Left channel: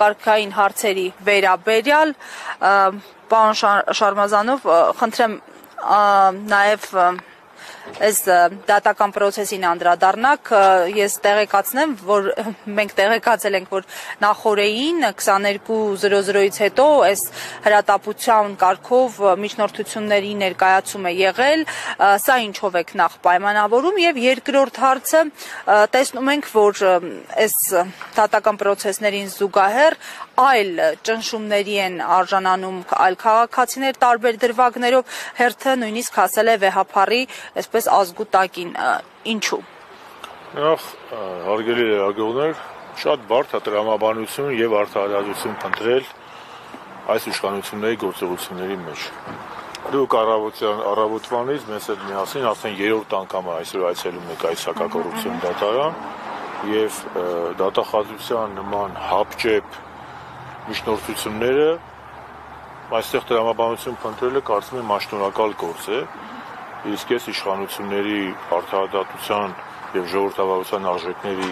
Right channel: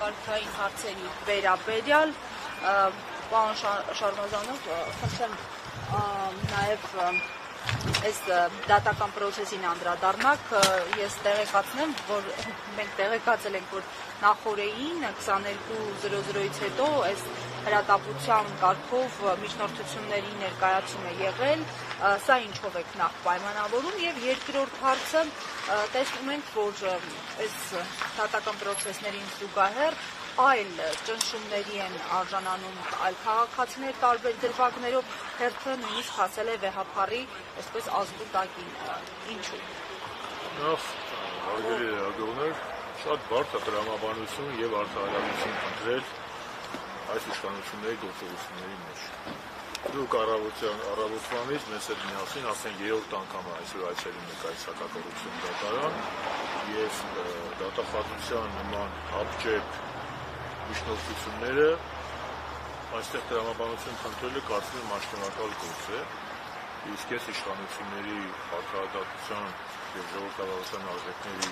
համակարգային հարցերի վերաբերյալ պարոն Շարմազանով խնդրեմ նաև այս դատական պրոցեսին անդրադառնաք, ես տեղեկացնեմ, որ մենք տեղեկացել ենք, որ նախօրեին 22:00-ից հետո այս հրատապության կարգով միջնորդությունների ներկայացում է եղել, սա ինչով եք նախ պայմանավորում եւ երկրորդ հարցը տեսնում ենք, որ այս դատական պրոցեսներին զուգահեռ այլ ճնշումների են արժանանում այլ քաղաքացիներ տարբեր դրվագներով, հերթը նույնիսկ հասել է վեհափառի, այսպես ազգուտակին, ինչու։ Նախ, հարգելի լրագրողներ, շատ բարդ է տրամաբանություն եւ արդարացություն փնտրել այս իշխանությունների գործողությունների մեջ։ Դուք առավոտվանից մեզ հետ միասին արդեն 3-րդ անգամ այսօր այցելում եք այս հակակոռուպցիոն դատարան եւ դատախազության նման հապճեպ միջնորդությունները այստեղ տրամաբանություն փնտրելը կարծում եմ աշնորհակալ գործ է, իսկ այս իշխանությունների արդարադատության եւ ժողովրդավարության արժեքների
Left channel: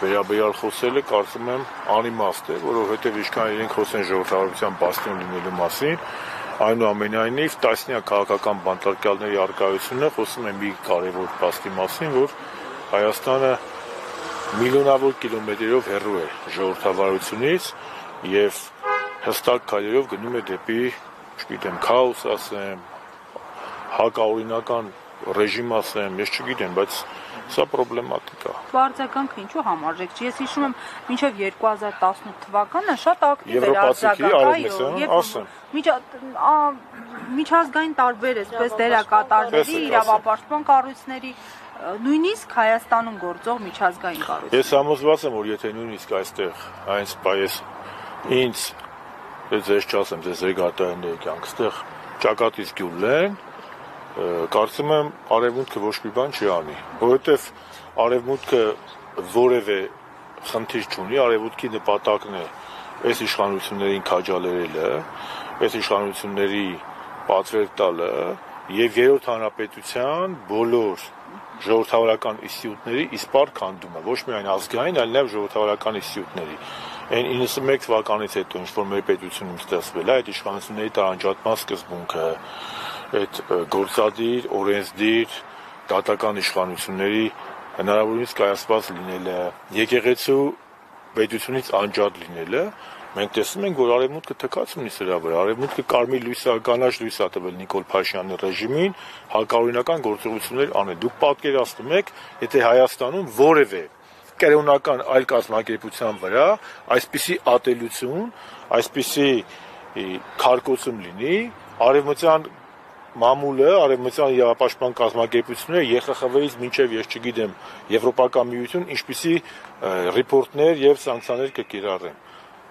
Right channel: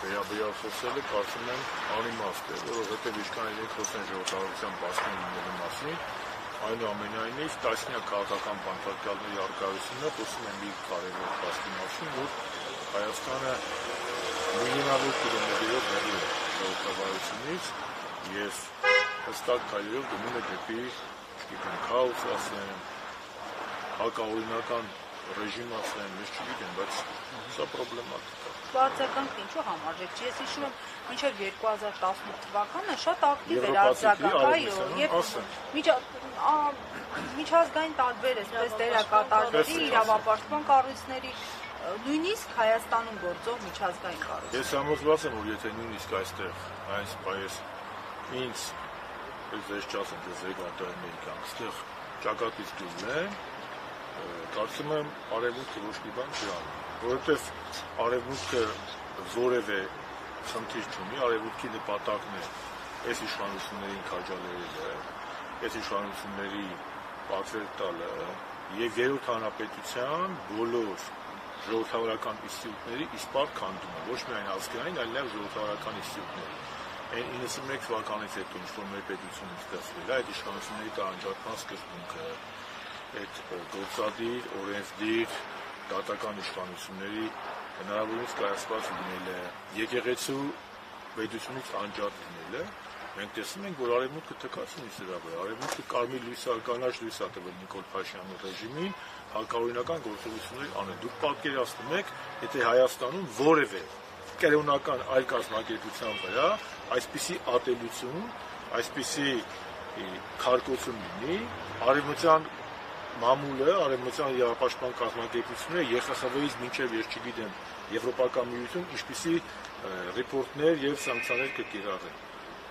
վերաբերյալ խոսելը կարծում եմ անիմաստ է, որովհետեւ ինչքան իրենք խոսեն ժողովրդավարության բաստիոն լինելու մասին, այնուամենայնիվ տասնյակ քաղաքական բանտարկյալների առկայությունը խոսում է մի կարևոր փաստի մասին, որ Հայաստանը միլիոնավոր կիլոմետրերով հեռու է ժողովրդավարությունից եւ հստակ քայլերով գնում է դեպի, չգիտեմ, քաոս ասեմ, հակաօրինական ռեժիմ ասեմ, ես չգիտեմ, բայց սա պրոբլեմատիկ է։ Բարձրականքը ինչու համարժեք չի։ Ես հիշում եմ, մինչև 2018 թվականը շատ ակտիվ էր միջազգային տարբեր այսպես դերակատարների, իրավապաշտպան կառույցների, նույնիսկ Հայաստանում գործող միջազգային կառույցներ։ Ես համոզված եմ, որ եթե նույնիսկ այստեղ այս պայես ինձ ձեզ չասեմ, ձեզ ռեգատայինների կյանք, այստեղ ճակատից գյուլ են, կարծում եմ արևմուտքը ոչ մի բան չի անի, որովհետև արևմուտքը որևէ խնդիր չունի, արևմուտքի նպատակն է այս իշխանություններին քաջալերելը, այս իշխանությունների պատվեր տալը եւ երրորդ հանրապետության բոլոր ժողովրդավարական ինստիտուտների իսպառ քանդումը, ոչ միայն ազգային, այլ նաեւ ժողովրդավարական ինստիտուտների։ Այն 91 թվականից հետո ինչ որ մեր պետությունում ստեղծվել է, այդ իշխանությունների տարանջատման սկզբունքը, այդ գործադիր, օրենսդիր, դատական իշխանությունների հնարավորինս կայացված լինելը, եկեղեցու պետությունից անջատ լինելը, մենք տեսնում ենք, որ արևմուտքը թքած ունի սրա վրա, արևմուտքը կարմիր լույսը, կանաչ լույս է տվել Նիկոլ Փաշինյանի ռեժիմին հակաօրինական գործողություններ անել։ Դուք պատկերացնում եք, եթե Հայաստանում որևէ կերոնական այլ կազմակերպության վրա այսպիսի ատելություն, այսպիսի քարկոծում լինի, արևմտյան մամուլը, արևմտյան իրավապաշտպան կազմակերպությունները ԵԽԽՎ-ից մինչև ես չգիտեմ Եվրոպական միություն ինչպիսի ռիպորտներ եւ սանկցիաներ կկիրառեն։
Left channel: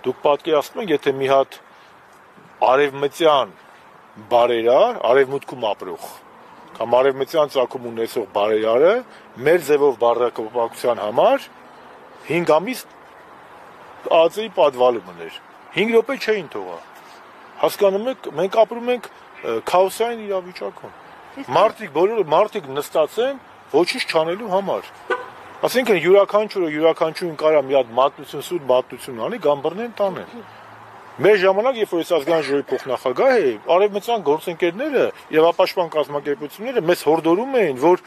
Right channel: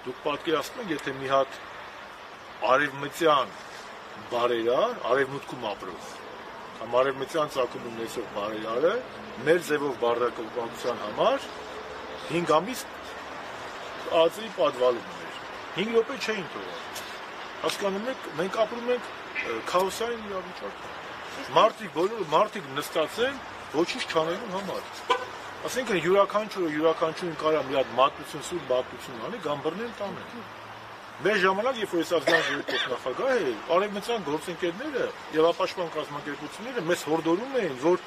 Դուք պատկերացնում եք, եթե մի հատ արևմտյան բարերար, արևմուտքում ապրող կամ արևմտյան ծագում ունեցող բարերարը մեր ձևով բառակապակցության համար 5 ամիս ԱԱԾ-ի պատվալում ուներ։ 5 րոպե չէին թողա։ Հասկանում եք, մենք ապրում ենք քաոսային իրավիճակում։ Մարդիկ նստած են ոչինչ չանելու համար։ Այսինքն յուրաքանչյուրին կարա մի հատ մատնություն, սուտ մատնություն անի, գամբռնեն տանեն։ Մեր ժամանակ, երբ որ այս ազգային ժողովի փոխնախագահ է, արևմտյան գործընկերները եւ ապաշտպան կազմակերպությունները մեզ հորդորում էին, որ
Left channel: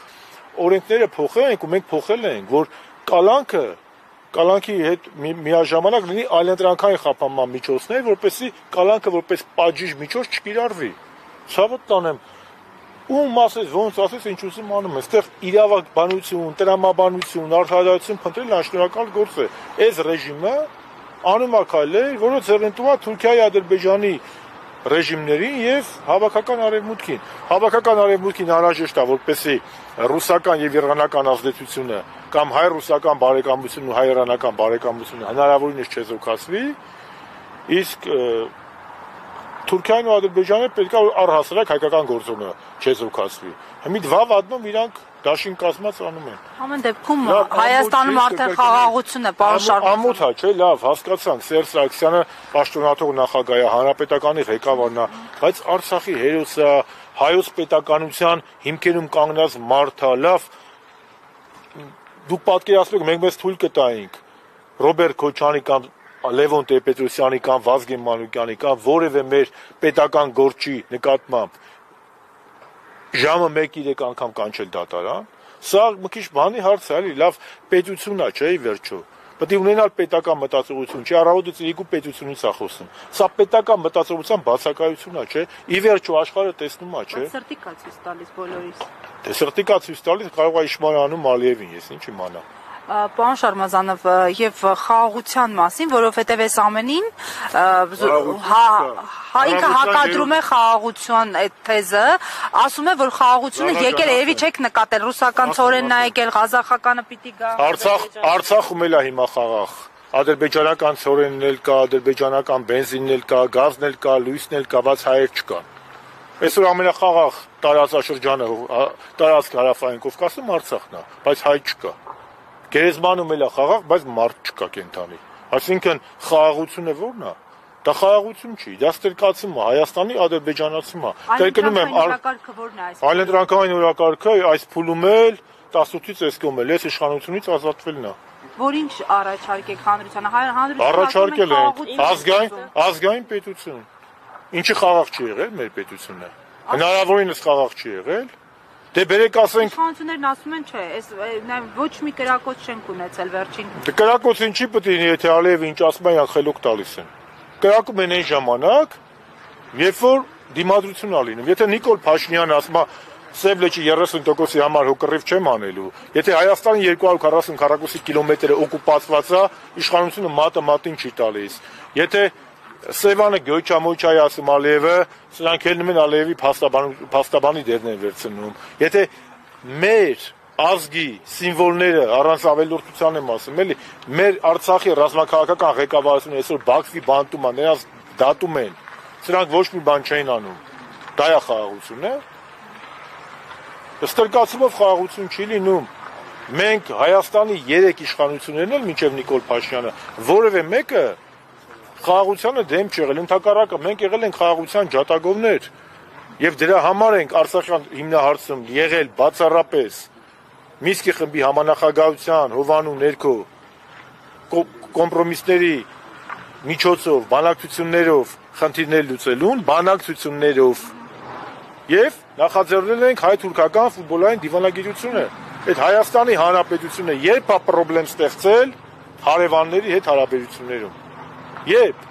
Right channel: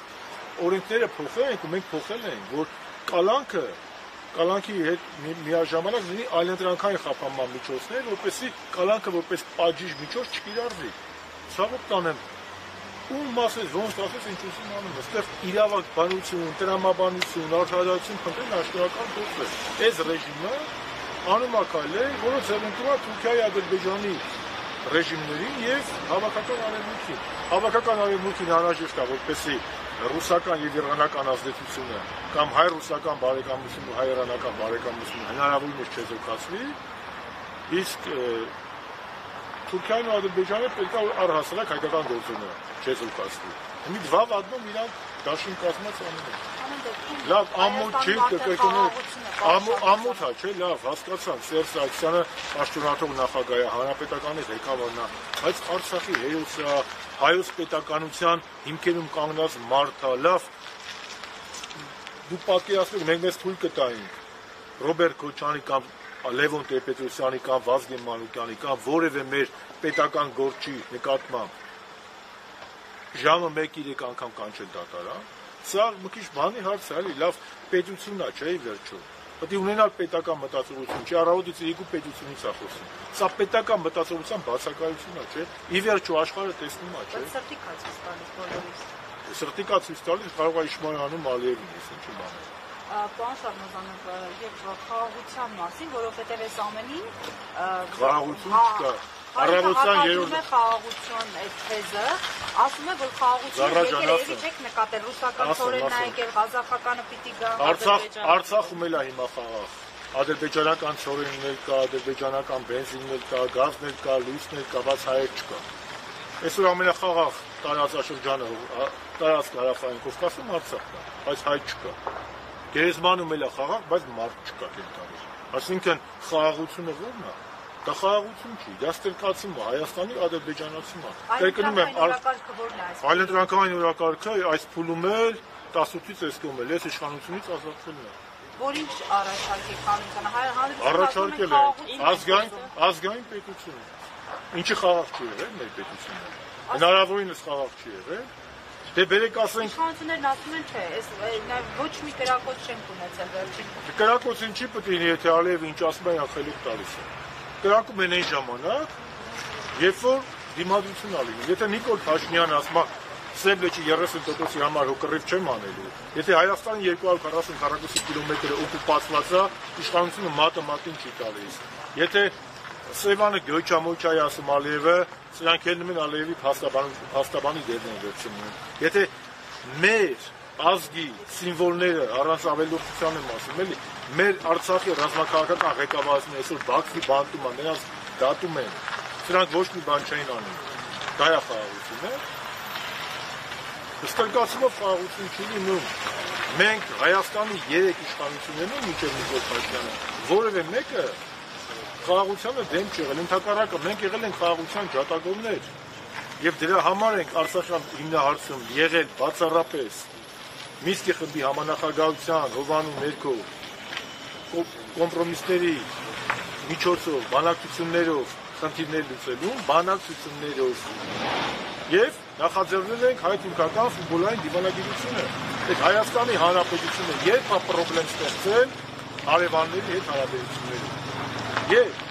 օրենքները փոխենք ու մենք փոխել ենք, որ կալանքի հետ միաժամանակ լինի այլընտրանքային խափանման միջոցներ, որպեսզի կալանքը որպես պատժիժ միջոց չկիրառվի։ Ցավոք տանեմ, ում ասես, ոնց ասես, ինչ ուզում անում, այստեղ իրավաբանություն, տրամաբանություն, արդարադատություն փնտրել աշտարակալ գործ է։ Այս ռեժիմը անում է քայլեր, որը ձեռնտու է Թուրքիայի, Ադրբեջանի ռեժիմներին եւ հավաքական արևմուտքին։ Հավաքական արևմուտքին անհրաժեշտ է, որպեսզի ռուսական եւ իրանական ազդեցությունը կամ հայ-ռուսական բարեկամությունն ու հայ-իրանական բարեկամությունը հնարավորինս չեզոքացվի, իսկ Թուրքիան ու Ադրբեջանը պետք է առհասարակ հայկական գործոնը չեզոքացվի։ Մի դվավ ադնում իրանք դաշին կազմած անում են։ Ամեն դեպքում Հայաստանում արդեն խաղաղություն է, պարոն Շարմազան։ Ամոթ է, չէ, լավ, հասկացանք, Սերժ Սարգսյանը պաշտոնաթող նախագահ է, հանրապետականի ղեկավարն է, բայց Արցախի հերոսը, հայոց պետականության հիմքերում կանգնած մարդ է, լավ։ Դուք պատկերացնեք, մենք մեզ թույլ կտայինք Ռոբերտ Քոչարյանի կամ Լևոն Տեր-Պետրոսյանի կամ Վազգեն Մանուկյանի կամ որևէ մեր պետական գործի նկատմամբ ժամը 1-3 անգամ կանչել դատարան, սա մի քիչ բանի հարց է, էլի, լավ պետությունն է, չէ՞, ի վերջո։ Պետք է ունենալ պետական մտածողություն, չի առավոտից իրիկու պետությունից է խոսում։ Սա պետական մտածողության բացակայություն է, չէ՞։ Ի վերջո աշխարհը տեսնում է, չէ՞։ Սրտի կա ցույց տալիս բոլորիս։ Դե սրտի կա ցույց տալիս կարող է Իշմարյանում Ալիևին, ես ինչ իմանամ։ Պարոն Շարմազանով, եւ խաղաղության մասին, որովհետեւ այս ամենին ինքը հակադրում է խաղաղության այդ թեզը, ասում է, որ խաղաղությունը եկել է, եւի չեք նկատել, ռուսական ծորենն է եկել, ղազախականը պիտի գա։ Արցախում էլ է հիմա խաղաղ։ Ադրբեջանական ծորենն էլ կա, ադրբեջանական բենզինն էլ կա, գազն էլ կա, լույսն էլ կա, բայց հայեր չկա։ Այսօր ամենախաղաղ տարածաշրջանը տարածք հարավային Կովկասում Արցախն է, բայց հայ չկա։ Գերեզմանում էլ է խաղաղ, բայց մարդ չկա կենթանի։ Այսինքն խաղաղությունը ո՞րն է։ Դա խաղաղություն չի, դա ստերկացում է, Հայաստանի ադրբեջանացում է։ Կրկնում եմ, այլընտրանքային օրակարգը այս փուլում էլ 18-ից այս կողմ էլ, այս իշխանությունից ազատվելն է։ Որ ինչ առաջարկեք հանրությանը, առաջարկել են ազգային պետություն։ Ինչի խաղաղ չի եղել մեր պետությունը։ Հնարավորինս խաղաղ չի եղել։ Դե բերեք ասենք իշխանություններն ասում են, չէ, այս ոչ մի կրակոց չենք ունեցել վերջին։ Դե կրակոցին չի պետք է, եթե Ալիևը ինչ ասում է, յան խելոք տալիս են։ Կրակում են այն ժամանակ, երբ որ դիմադրություն ա լինում։ Եթե Նիկոլ Փաշինյանը ասում է, Սև լճի 30%-ի համար հոկռիվ չեմ անելու, եթե Հայաստանի 240 քառակուսի կիլոմետրը օկուպացված է, իշխանությունը մատը մատին չի տալիս։ Եթե Սևանը Գյոյչամոյչայի ասում Ալիևը, սրանք ելնում են Ալիևի փաստաբանի դերն են վերցնում։ Եթե մեր ազգի սիմվոլները առանց ավելորդության եմ ասում, էլի, մեր Արցախի ռազմաքաղաքական ղեկավարությունը այսօր Բաքվի բանտում է, նրանց դատում են, սրանք ոչ մի բան չեն անում։ Դա է խաղաղությունը։ Ստրկացումով խաղաղություն չի լինում։ Մենք Հայաստանի 3 իշխանություններն էլ մինչև Նիկոլ Փաշինյանը որևէ մեկը խաղաղությանը դեմ չեղել, ընդհակառակը մենք եղել ենք խաղաղության ջատագովներ եւ դրա համար ենք Արցախյան հիմնահարցում եղել բացառապես Մինսկի խմբի համանախագահության հովանու ներքո կոմպրոմիսների միջոցով, բանակցություններով խնդիրներ լուծելուն, բանակցություններով եւ նախաձեռնել ենք հայ-թուրքական ֆուտբոլային դիվանագիտությունը։ Այդ Հայաստանի Հանրապետությունը երբ է խնդրեմ ստեղծել հարևանների հետ հարաբերություններում։ Երբ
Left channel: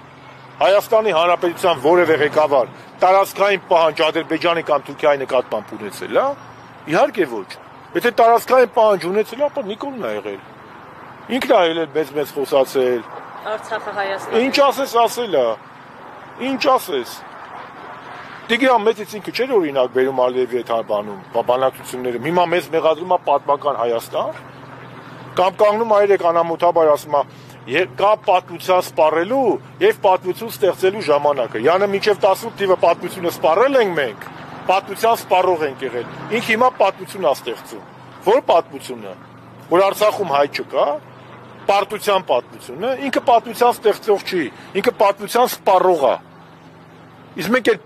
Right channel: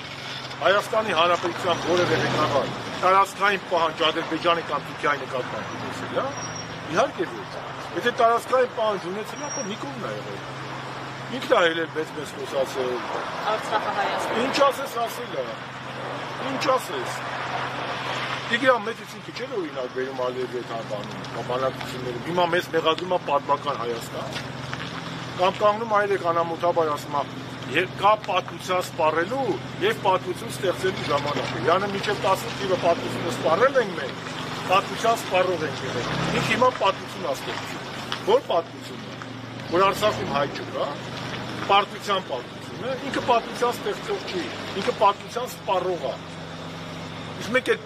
Հայաստանի Հանրապետության որևէ ղեկավար տարածքային պահանջ Ադրբեջանի կամ Թուրքիայի նկատմամբ ունեցել է, իհարկե ոչ։ Եթե տարածքային պահանջ ունեցել է, ապա Նիկոլն է եղել։ Ինքն է ելել մեծ խոսացել։ Արցախը Հայաստան։ Ինչ ասես ասել է։ Ինչ ասես։ Տիգրան Մեծից ինքը չէր օրինակ բերում Ալիևի հետ հարբանում, բանակցությունները։ Հիմա մեզ մեղադրում է պատմական Հայաստան։ Կամ կանգնում այրեք անամոթաբար ասում է կա պատմության սպառելու եւ պատմություն ստեղծելու ժամանակը։ Յանը մինչեւ 18 թիվը պատմությունը սպառել ենք մենք, պատմության սպառող ենք եղել։ Ինքը հիմա պատմություն է ստեղծում։ Որ պատմությունը, որ Արցախում հայ չկա, պարտության պատմությունը, ինքը պատմության ստեղծող չի, ինքը պատմության սպառող է։ Իսկ մենք այդ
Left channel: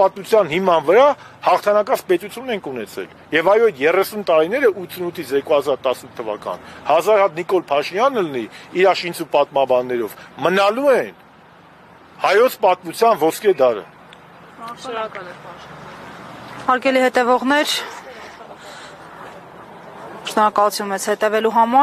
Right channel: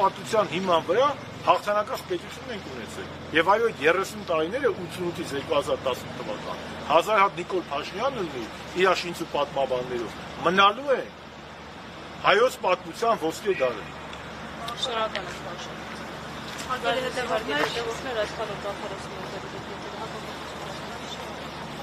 պատմության հիման վրա հաղթանակած պետություն ենք ունեցել։ Եվ այո, այդ 30 տարիները 88-ից 2010 թվական 1000 հատ Նիկոլ Փաշինյանը լինի իր շինծու պատմաբաններով մնալու են հայոց պատմության ոսկե դարը։ Շնորհակալ եմ։ Հարգելի հետևողներ, շնորհակալություն մեզ հետևելու համար։